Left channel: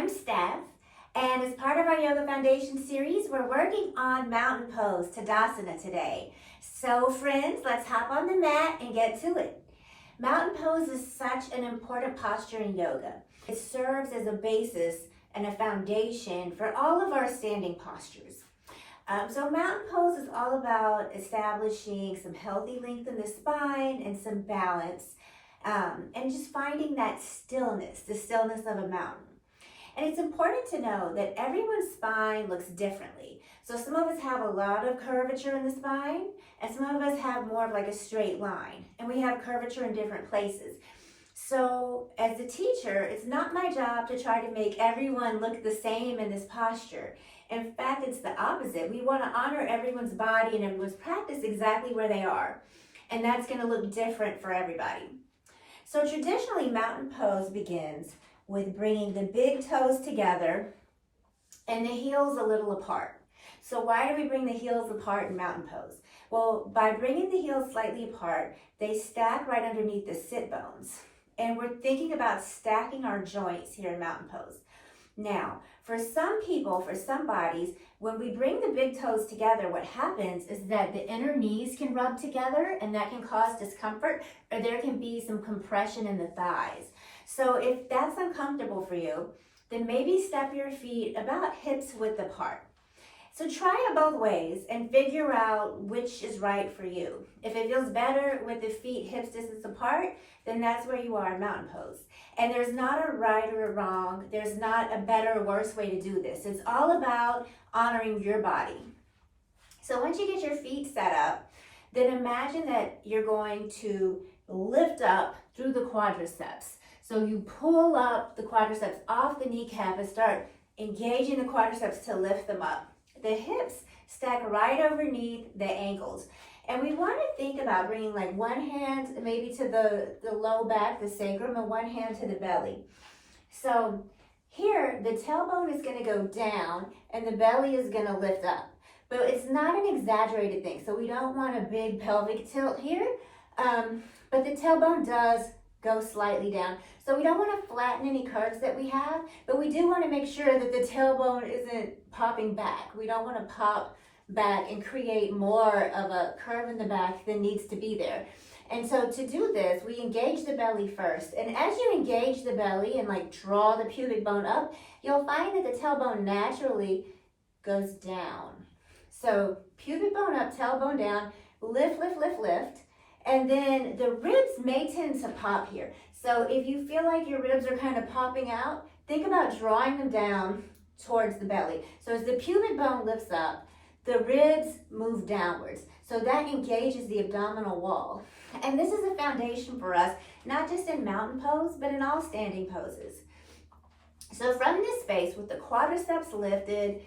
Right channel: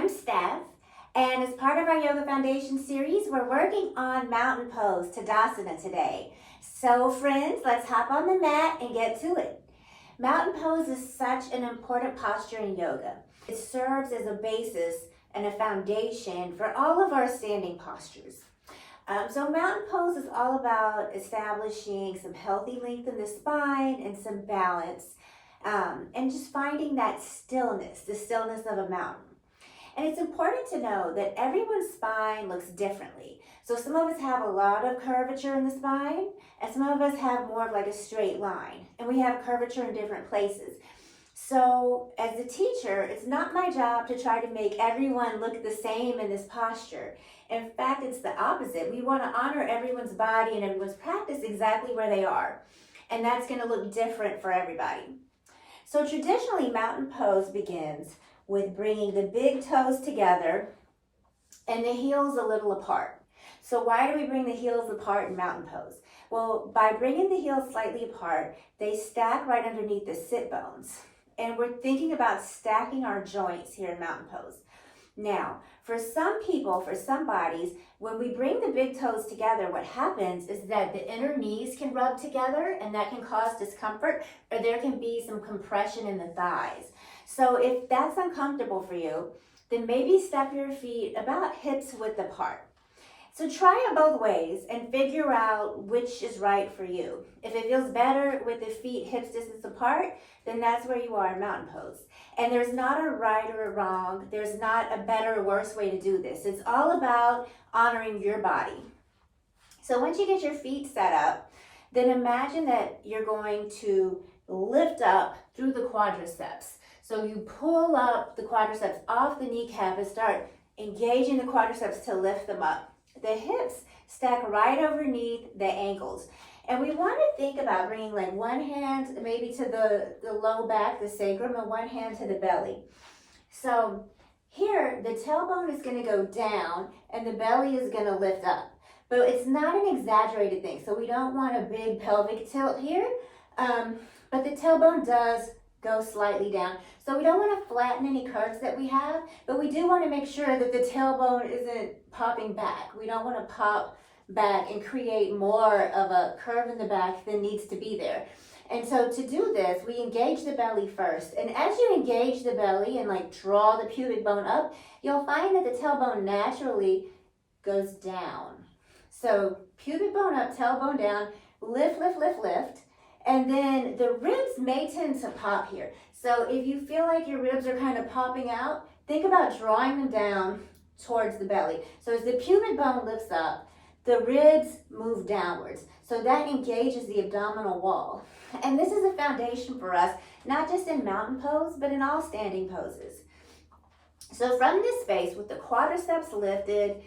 I'm Steph, and as part of our Yoga Foundation series, we're working on mountain pose, Tadasana today. So friends, let's hop on the mat and get to it. Mountain pose is such an important posture in yoga. It serves as a basis and a foundation for all of our standing postures. So mountain pose is all about establishing some healthy length in the spine and some balance, and just finding that stillness, the stillness of a mountain. And it's important to know that everyone's spine looks differently. So some of us have a lot of curvature in the spine, and some of us have more of like a straight line, and we have curvature in different places. So as a teacher, it's not my job to try to make everyone look the same in this posture. In fact, it's the opposite. We want to honor everyone's body and everyone's practice exactly where they are. And that's going to look different for everybody. So traditionally, mountain pose begins with bringing the big toes together and the heels a little apart. So why do we bring the heels apart in mountain pose? Well, by bringing the heels slightly apart, they stack right underneath the sit bones. And we're thinking about stacking our joints here in mountain pose. Now, for some people, for some bodies, when we bring the big toes together, what happens is that the inner knees can rub together, and that can cause discomfort, or there can be some compression in the thighs. So if that's uncomfortable for you, then maybe step your feet about hips width apart. So try it both ways and figure out which is right for you. If it feels better with the feet hips distance apart, then that's where you are in mountain pose. And there's not a right or a wrong. There's not a better or worse way to do this. It's all about honoring your body. So once you get your feet set up, then imagine that you're going to lift up through the quadriceps. So you pull up the quadriceps off the kneecap and start engaging the quadriceps to lift them up. The hips stack right underneath the ankles. And we want to think about bringing like one hand maybe to the low back, the sacrum, and one hand to the belly. So here, the tailbone is going to go down and the belly is going to lift up. But it's not an exaggerated thing. So we don't want a big pelvic tilt here. But the tailbone does go slightly down. So we don't want to flatten any curves that we have, but we do want to make sure that the tailbone isn't popping back. We don't want to pop back and create more of a curve in the back than needs to be there. And so to do this, we engage the belly first. And as you engage the belly and like draw the pubic bone up, you'll find that the tailbone naturally goes down. So pubic bone up, tailbone down, lift, lift, lift, lift. And then the ribs may tend to pop here. So if you feel like your ribs are kind of popping out, think about drawing them down towards the belly. So as the pubic bone lifts up, the ribs move downwards. So that engages the abdominal wall. And this is a foundation for us, not just in mountain pose, but in all standing poses. So from this space, with the quadriceps lifted,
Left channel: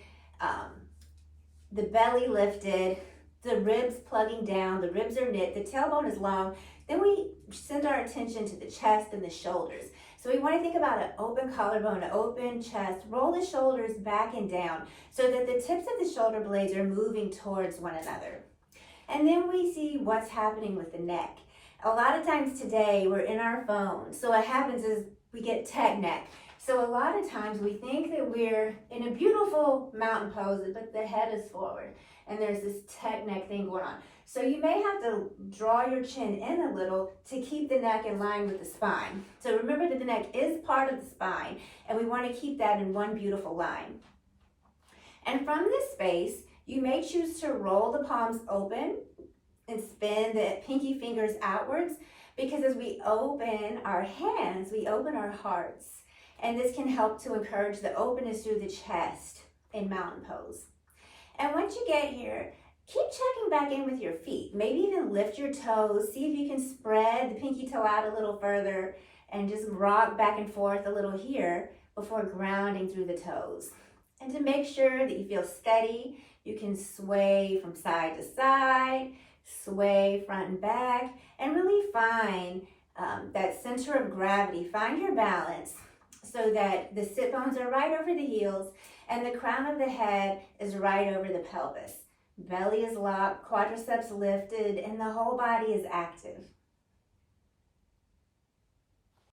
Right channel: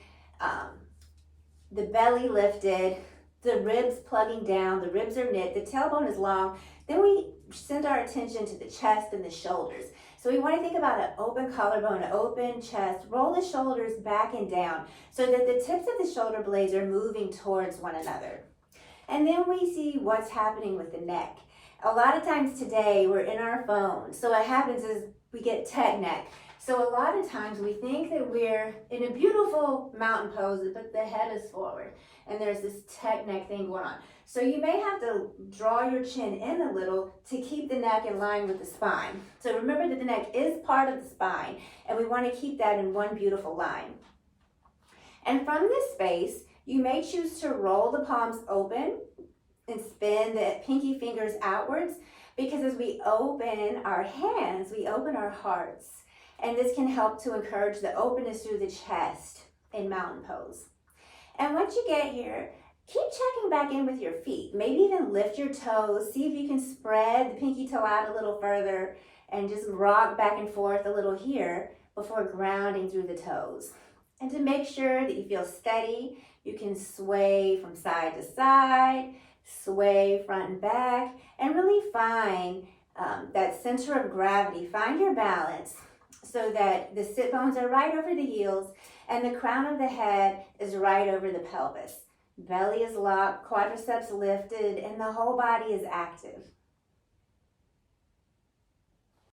the belly lifted, the ribs plugging down, the ribs are knit, the tailbone is long, then we send our attention to the chest and the shoulders. So we want to think about an open collarbone, an open chest, roll the shoulders back and down so that the tips of the shoulder blades are moving towards one another. And then we see what's happening with the neck. A lot of times today we're in our phones. So what happens is we get tech neck. So a lot of times we think that we're in a beautiful mountain pose, but the head is forward and there's this tech neck thing going on. So you may have to draw your chin in a little to keep the neck in line with the spine. So remember that the neck is part of the spine, and we want to keep that in one beautiful line. And from this space, you may choose to roll the palms open and spin the pinky fingers outwards, because as we open our hands, we open our hearts. And this can help to encourage the openness through the chest in mountain pose. And once you get here, keep checking back in with your feet. Maybe even lift your toes. See if you can spread the pinky toe out a little further and just rock back and forth a little here before grounding through the toes. And to make sure that you feel steady, you can sway from side to side, sway front and back, and really find that center of gravity. Find your balance so that the sit bones are right over the heels and the crown of the head is right over the pelvis. Belly is locked, quadriceps lifted, and the whole body is active.